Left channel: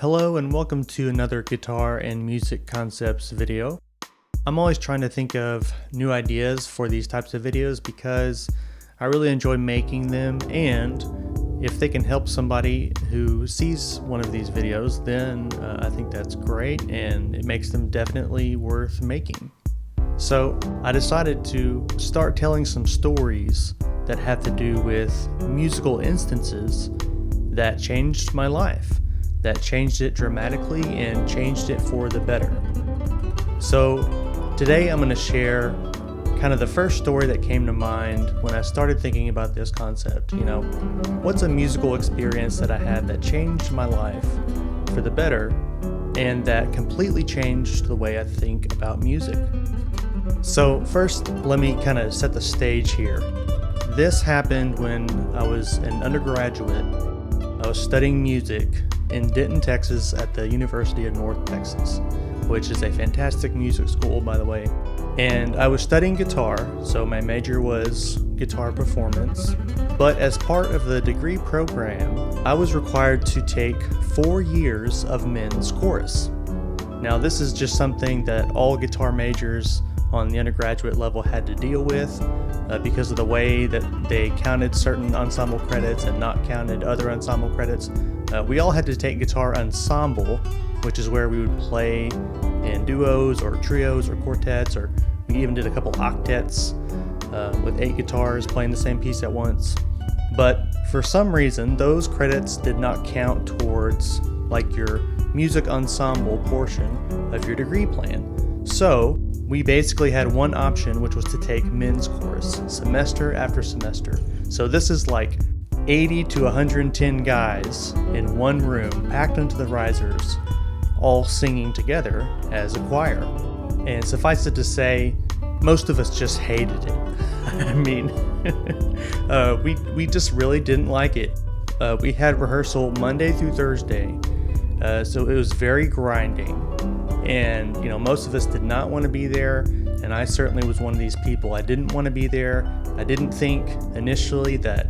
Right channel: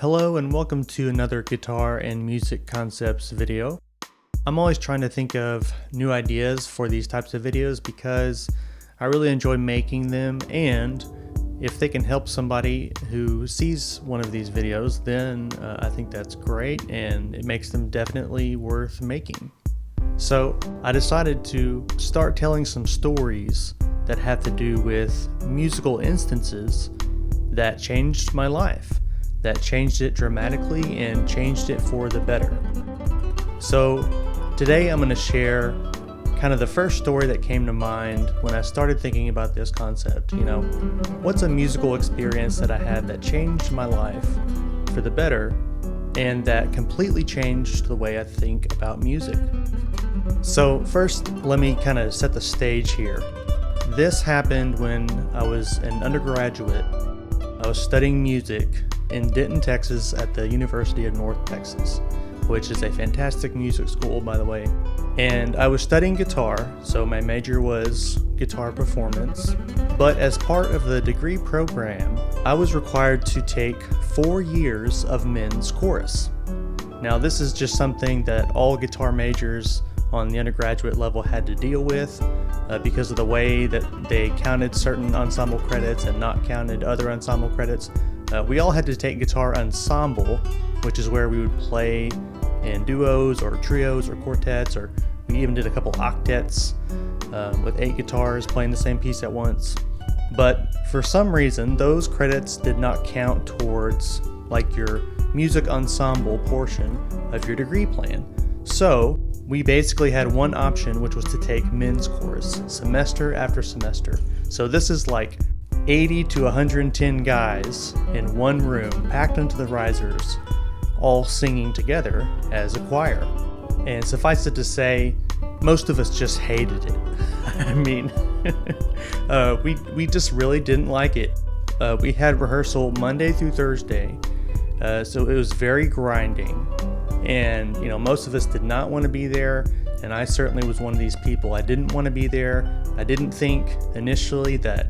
Hello and welcome to another guitar and music concepts video. I'm always trying to think of new ideas for these types of videos because I really enjoy making them, and if they can help somebody who sees one of these videos, then I think that's great and it makes them definitely worth making. So I decided to start telling some stories that have to do with musical instances that changed my life, that changed it dramatically and changed it for the better. So today I'm going to share kind of the first story that came to mind when I started thinking about this concept. What's a musical experience that I had that changed my life for the better and that completely changed the way I think about music? So first, let me kind of set the stage here. This happened when I was an undergraduate. I was studying music in Denton, Texas at the University of North Texas, which is a fantastic music school, by the way. And I was studying guitar, so my major was guitar performance. But as part of the degree program, I was required to take 4 years of men's chorus. Now, this is just something that all guitar majors on the undergraduate level had to deal with because of the way that they counted certain ensemble credits and not counted other ensemble credits. We all had to take guitar ensemble, which is where we would play in duos or trios or quartets, or we even did a couple octets with 8 guitars playing the same piece at once. But for some reason, those credits did not count towards like your music ensemble portion of your degree plan. So we basically had one option, which was to take men's chorus semester after semester. So this is like 80 to 110 guys in one room packed into the risers, all singing together as a choir. And suffice it to say, most of us just hated it. I mean, we just really didn't like it. We had rehearsal Monday through Thursday, so it was very grinding. And most of us did not want to be there, and I certainly was one of these people. I didn't want to be there. I didn't think initially that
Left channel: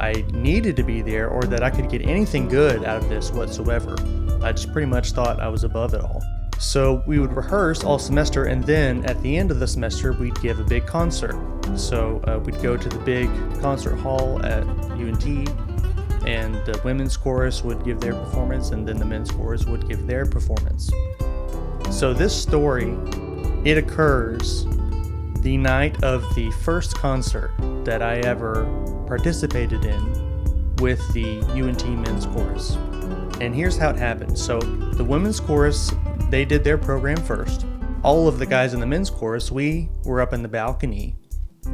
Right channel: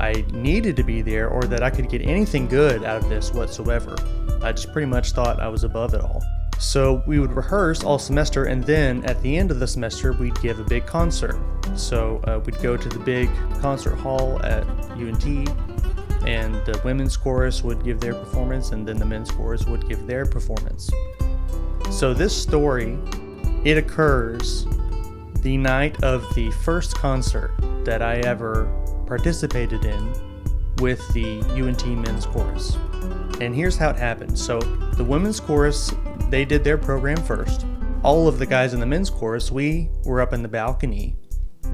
I needed to be there or that I could get anything good out of this whatsoever. I just pretty much thought I was above it all. So we would rehearse all semester, and then at the end of the semester we'd give a big concert. So we'd go to the big concert hall at UNT, and the women's chorus would give their performance, and then the men's chorus would give their performance. So this story, it occurs the night of the first concert that I ever participated in with the UNT men's chorus. And here's how it happened. So the women's chorus, they did their program first. All of the guys in the men's chorus, we were up in the balcony,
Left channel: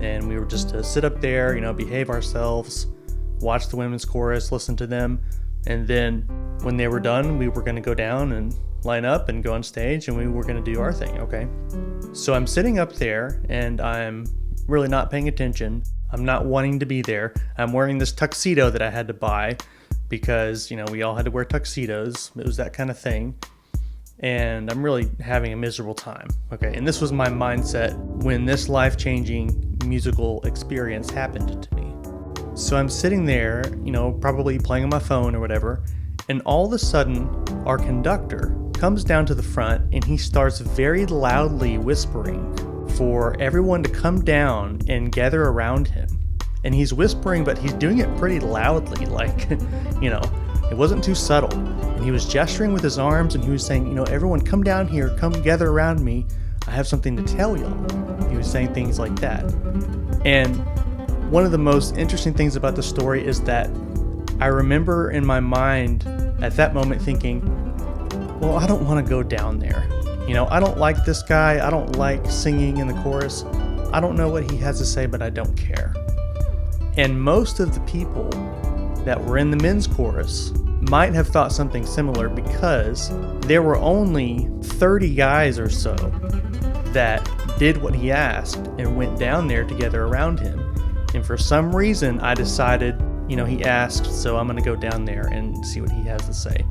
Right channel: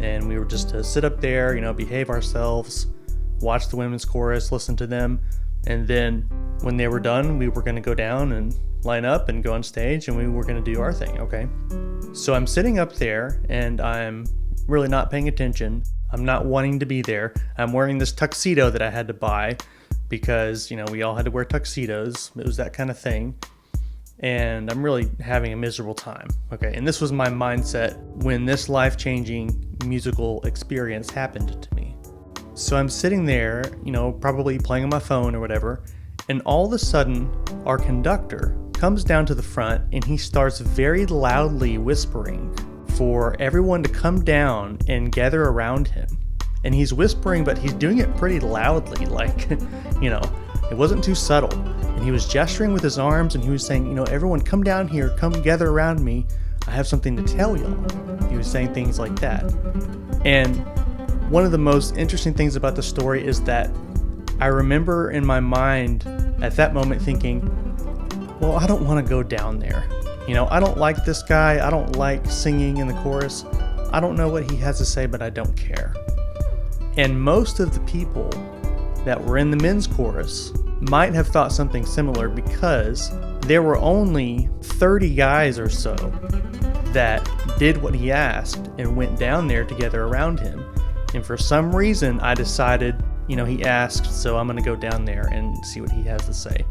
and we were just to sit up there, behave ourselves, watch the women's chorus, listen to them, and then when they were done, we were going to go down and line up and go on stage, and we were going to do our thing, okay? So I'm sitting up there, and I'm really not paying attention. I'm not wanting to be there. I'm wearing this tuxedo that I had to buy because, we all had to wear tuxedos. It was that kind of thing. And I'm really having a miserable time, okay? And this was my mindset when this life-changing musical experience happened to me. So I'm sitting there, probably playing on my phone or whatever, and all of a sudden, our conductor comes down to the front and he starts very loudly whispering for everyone to come down and gather around him. And he's whispering, but he's doing it pretty loudly, like, it wasn't too subtle. And he was gesturing with his arms, and he was saying, everyone come down here, come gather around me. I have something to tell y'all. He was saying things like that. And one of the most interesting things about the story is that I remember in my mind at that moment thinking, well, I don't want to go down there. I don't like this guy. I don't like singing in the chorus. I don't know what he has to say, but I don't care. And most of the people that were in the men's chorus might have thought something similar because there were only 30 guys or so that did what he asked and went down there together around him. And for some reason, I decided, he asked, so I'm going to go down there and see what he has to say.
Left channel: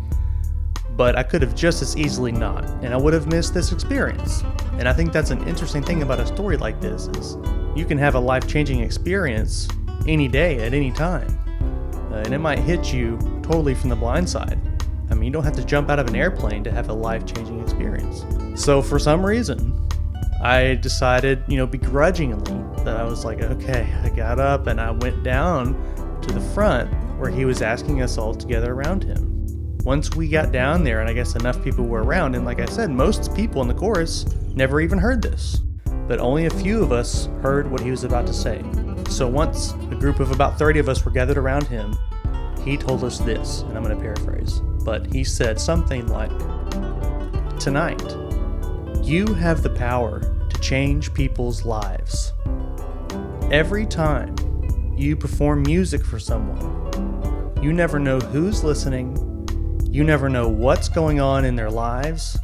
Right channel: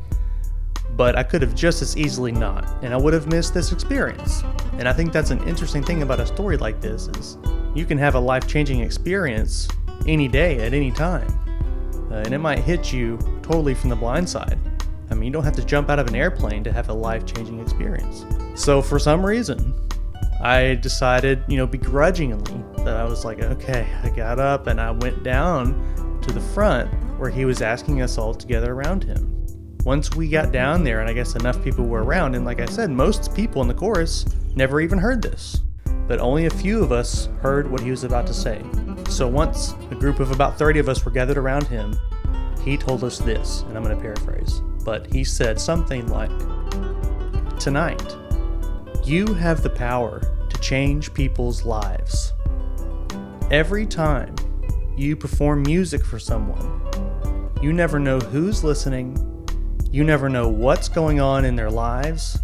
But I could have just as easily not, and I would have missed this experience. And I think that's an interesting thing about a story like this is you can have a life-changing experience any day at any time. And it might hit you totally from the blind side. I mean, you don't have to jump out of an airplane to have a life-changing experience. So for some reason, I decided, begrudgingly, that I was like, okay, I got up and I went down to the front where he was asking us all to gather around him. Once we got down there, and I guess enough people were around, and like I said, most people in the chorus never even heard this, but only a few of us heard what he was about to say. So once a group of about 30 of us were gathered around him, he told us this, and I'm going to paraphrase, but he said something like, "Tonight, you have the power to change people's lives. Every time you perform music for someone, you never know who's listening, you never know what's going on in their lives,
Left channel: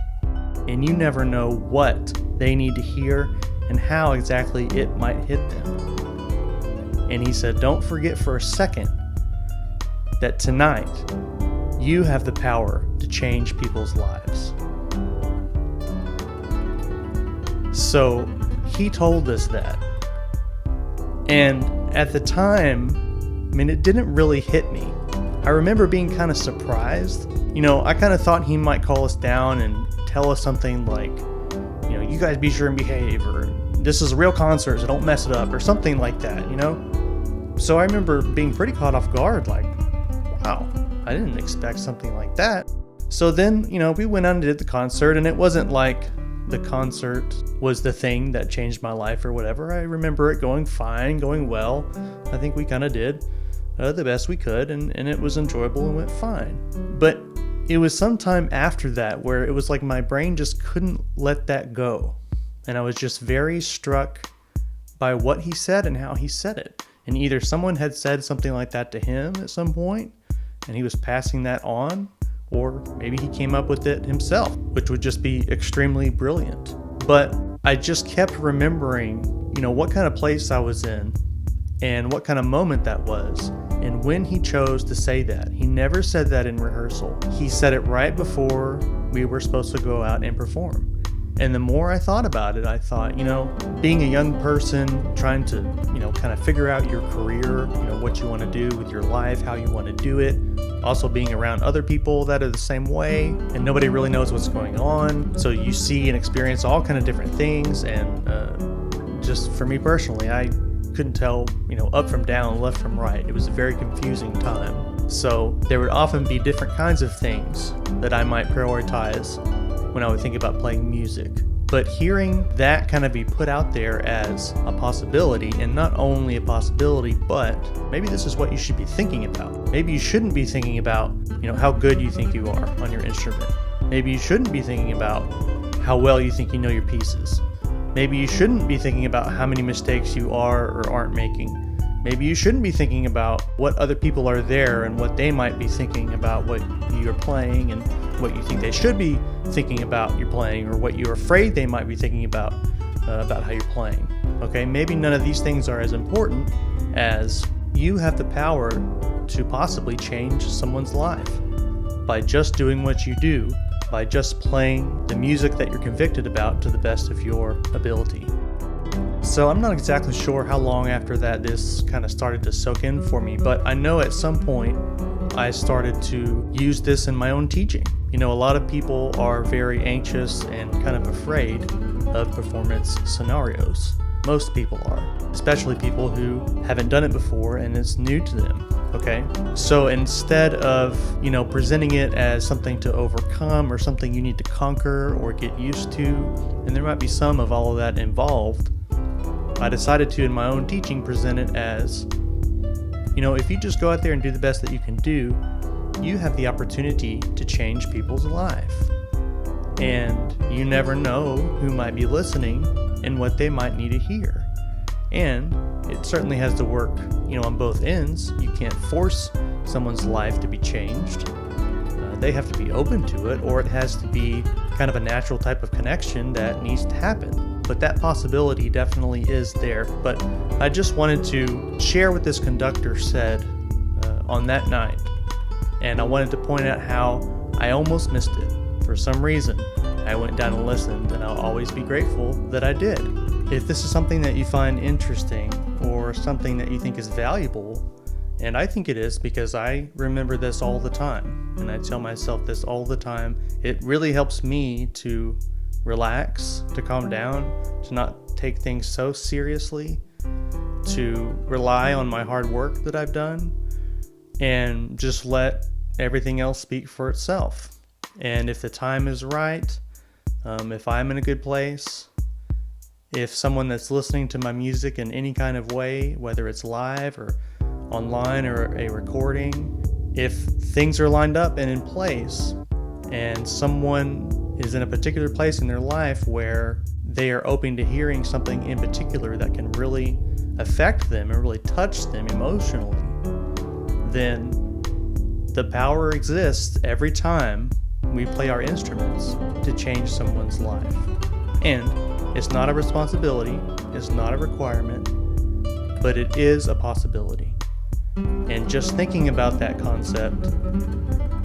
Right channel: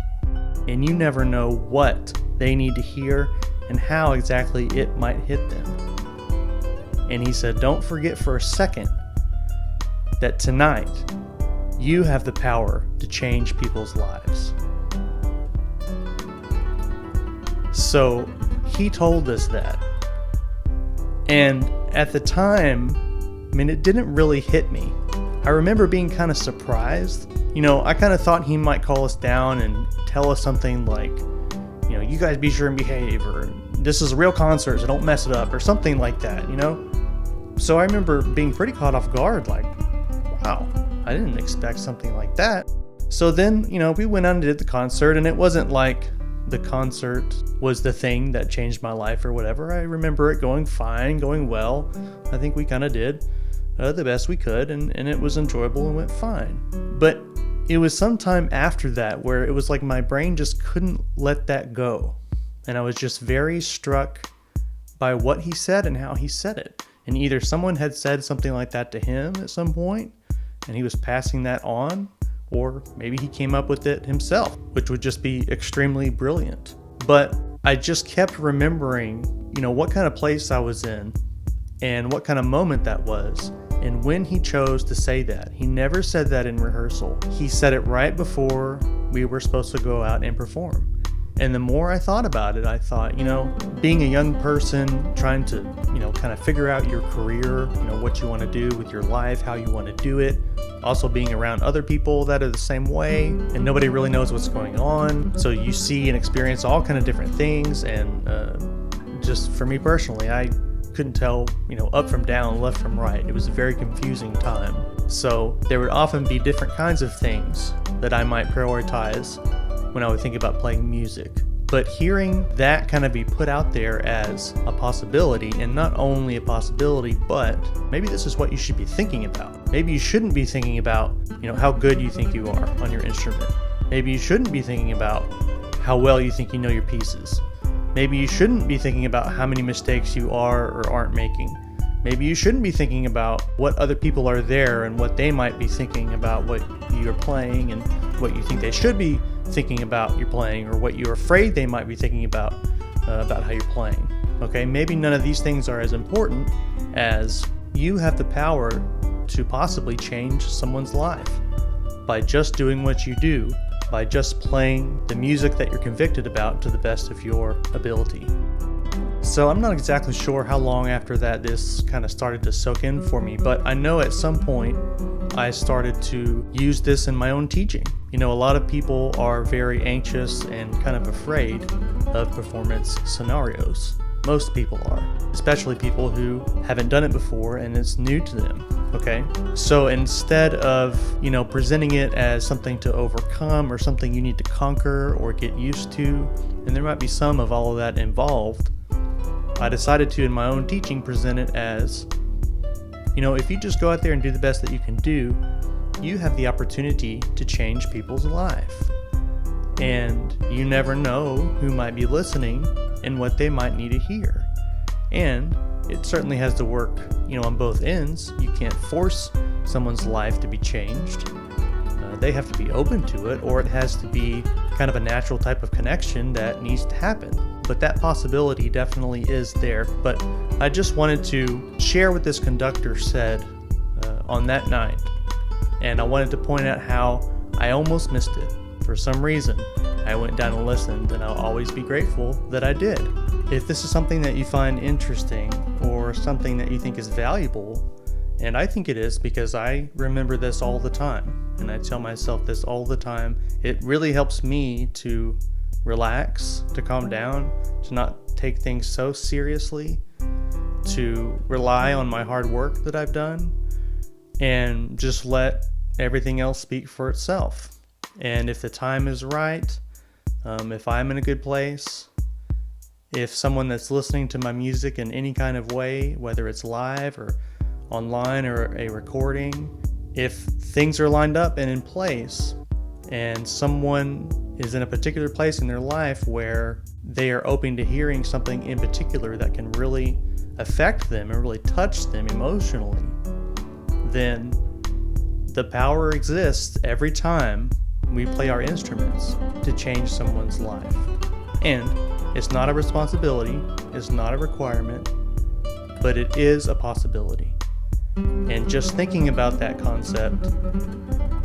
and you never know what they need to hear and how exactly it might hit them." And he said, don't forget for a second that tonight you have the power to change people's lives. So he told us that. And at the time, it didn't really hit me. I remember being kind of surprised. I kind of thought he might call us down and tell us something like, you guys be sure and behave, or this is a real concert, so don't mess it up, or something like that, So I remember being pretty caught off guard, like, wow, I didn't expect something like that. So then, we went out and did the concert, and it wasn't like the concert was the thing that changed my life or whatever. I remember it going fine, going well. I think we kind of did the best we could, and it was enjoyable and went fine. But it was sometime after that where it was like my brain just couldn't let that go. And I was just very struck by what he said and how he said it. And either someone had said something like that to him at some point, and he was passing that on, or maybe he came up with it himself, which would just be extremely brilliant. But I just kept remembering, what kind of place I was in and what kind of moment that was. And when he chose to say that, he never said that in rehearsal. He said it right before we were supposed to go out and perform. And the more I thought about it, I thought, being a young person, trying to, kind of figure out your career, what you want to do with your life, how you want to do it. Also being around other people that are the same way, and nobody really knows what's going on. So you see and experience all kind of different things. And just for me personally, I couldn't tell, up from down, left from right. It was a very confusing time. So there would often be different kinds of things that I might prioritize when I would think about playing music. But hearing that kind of be put out there as a possibility, and not only a possibility, but maybe this is what you should be thinking about. Maybe you shouldn't be thinking about, how good you think you are on your instrument. Maybe you shouldn't be thinking about how well you think you know your pieces. Maybe you shouldn't be thinking about how many mistakes you are or aren't making. Maybe you shouldn't be thinking about what other people are there and what they might be thinking about what you're playing, and what you think they should be thinking about your playing, or what you're afraid they might be thinking about how you're playing. Okay, maybe none of these things are as important as you have the power to possibly change someone's life by just doing what you do, by just playing the music that you're convicted about to the best of your ability. So I'm not exactly sure how long after that this kind of started to soak in for me, but I know at some point I started to use this in my own teaching. A lot of people are very anxious and kind of afraid of performance scenarios. Most people are, especially people who haven't done it before and it's new to them. Okay, so instead of, presenting it as something to overcome or something you need to conquer or get used to, and there might be some of all of that involved, I decided to, in my own teaching, present it as, if you just go out there and do the best that you can do, you have the opportunity to change people's life. And you never know who might be listening and what they might need to hear. And it certainly has to work, on both ends. You can't force someone's life to be changed. They have to be open to it, or it has to be kind of a natural type of connection that needs to happen. But that possibility definitely is there. But I just wanted to share what this conductor said on that night. And I wanted to point out how I almost missed it. For some reason, I went down and listened, and I'll always be grateful that I did. If this is something that you find interesting or something that you think is valuable, And I think it is because I remember this all the time, and I tell myself this all the time. It really helps me to relax, to calm down, to not take things so seriously, to rely on my hard work that I've done, and just let everything else speak for itself. And if the time is right, if I'm in a good place, if someone that's listening to my music in any kind of way, whether it's live or online or a recording, if things are lined up and in place, and someone is in a particular place in their life where they are open to hearing something in particular that can really affect them and really touch them emotionally, then the power exists every time we play our instruments to change someone's life. And it's not a responsibility, it's not a requirement, but it is a possibility. And just thinking about that concept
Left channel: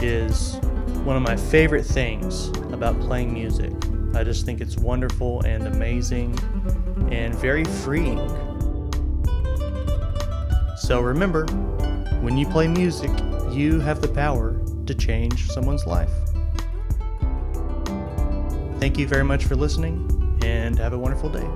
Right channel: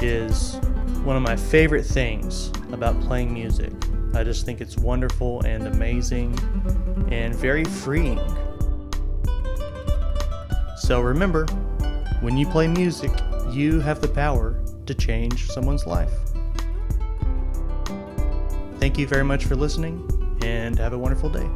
is one of my favorite things about playing music. I just think it's wonderful and amazing and very freeing. So remember, when you play music, you have the power to change someone's life. Thank you very much for listening, and have a wonderful day.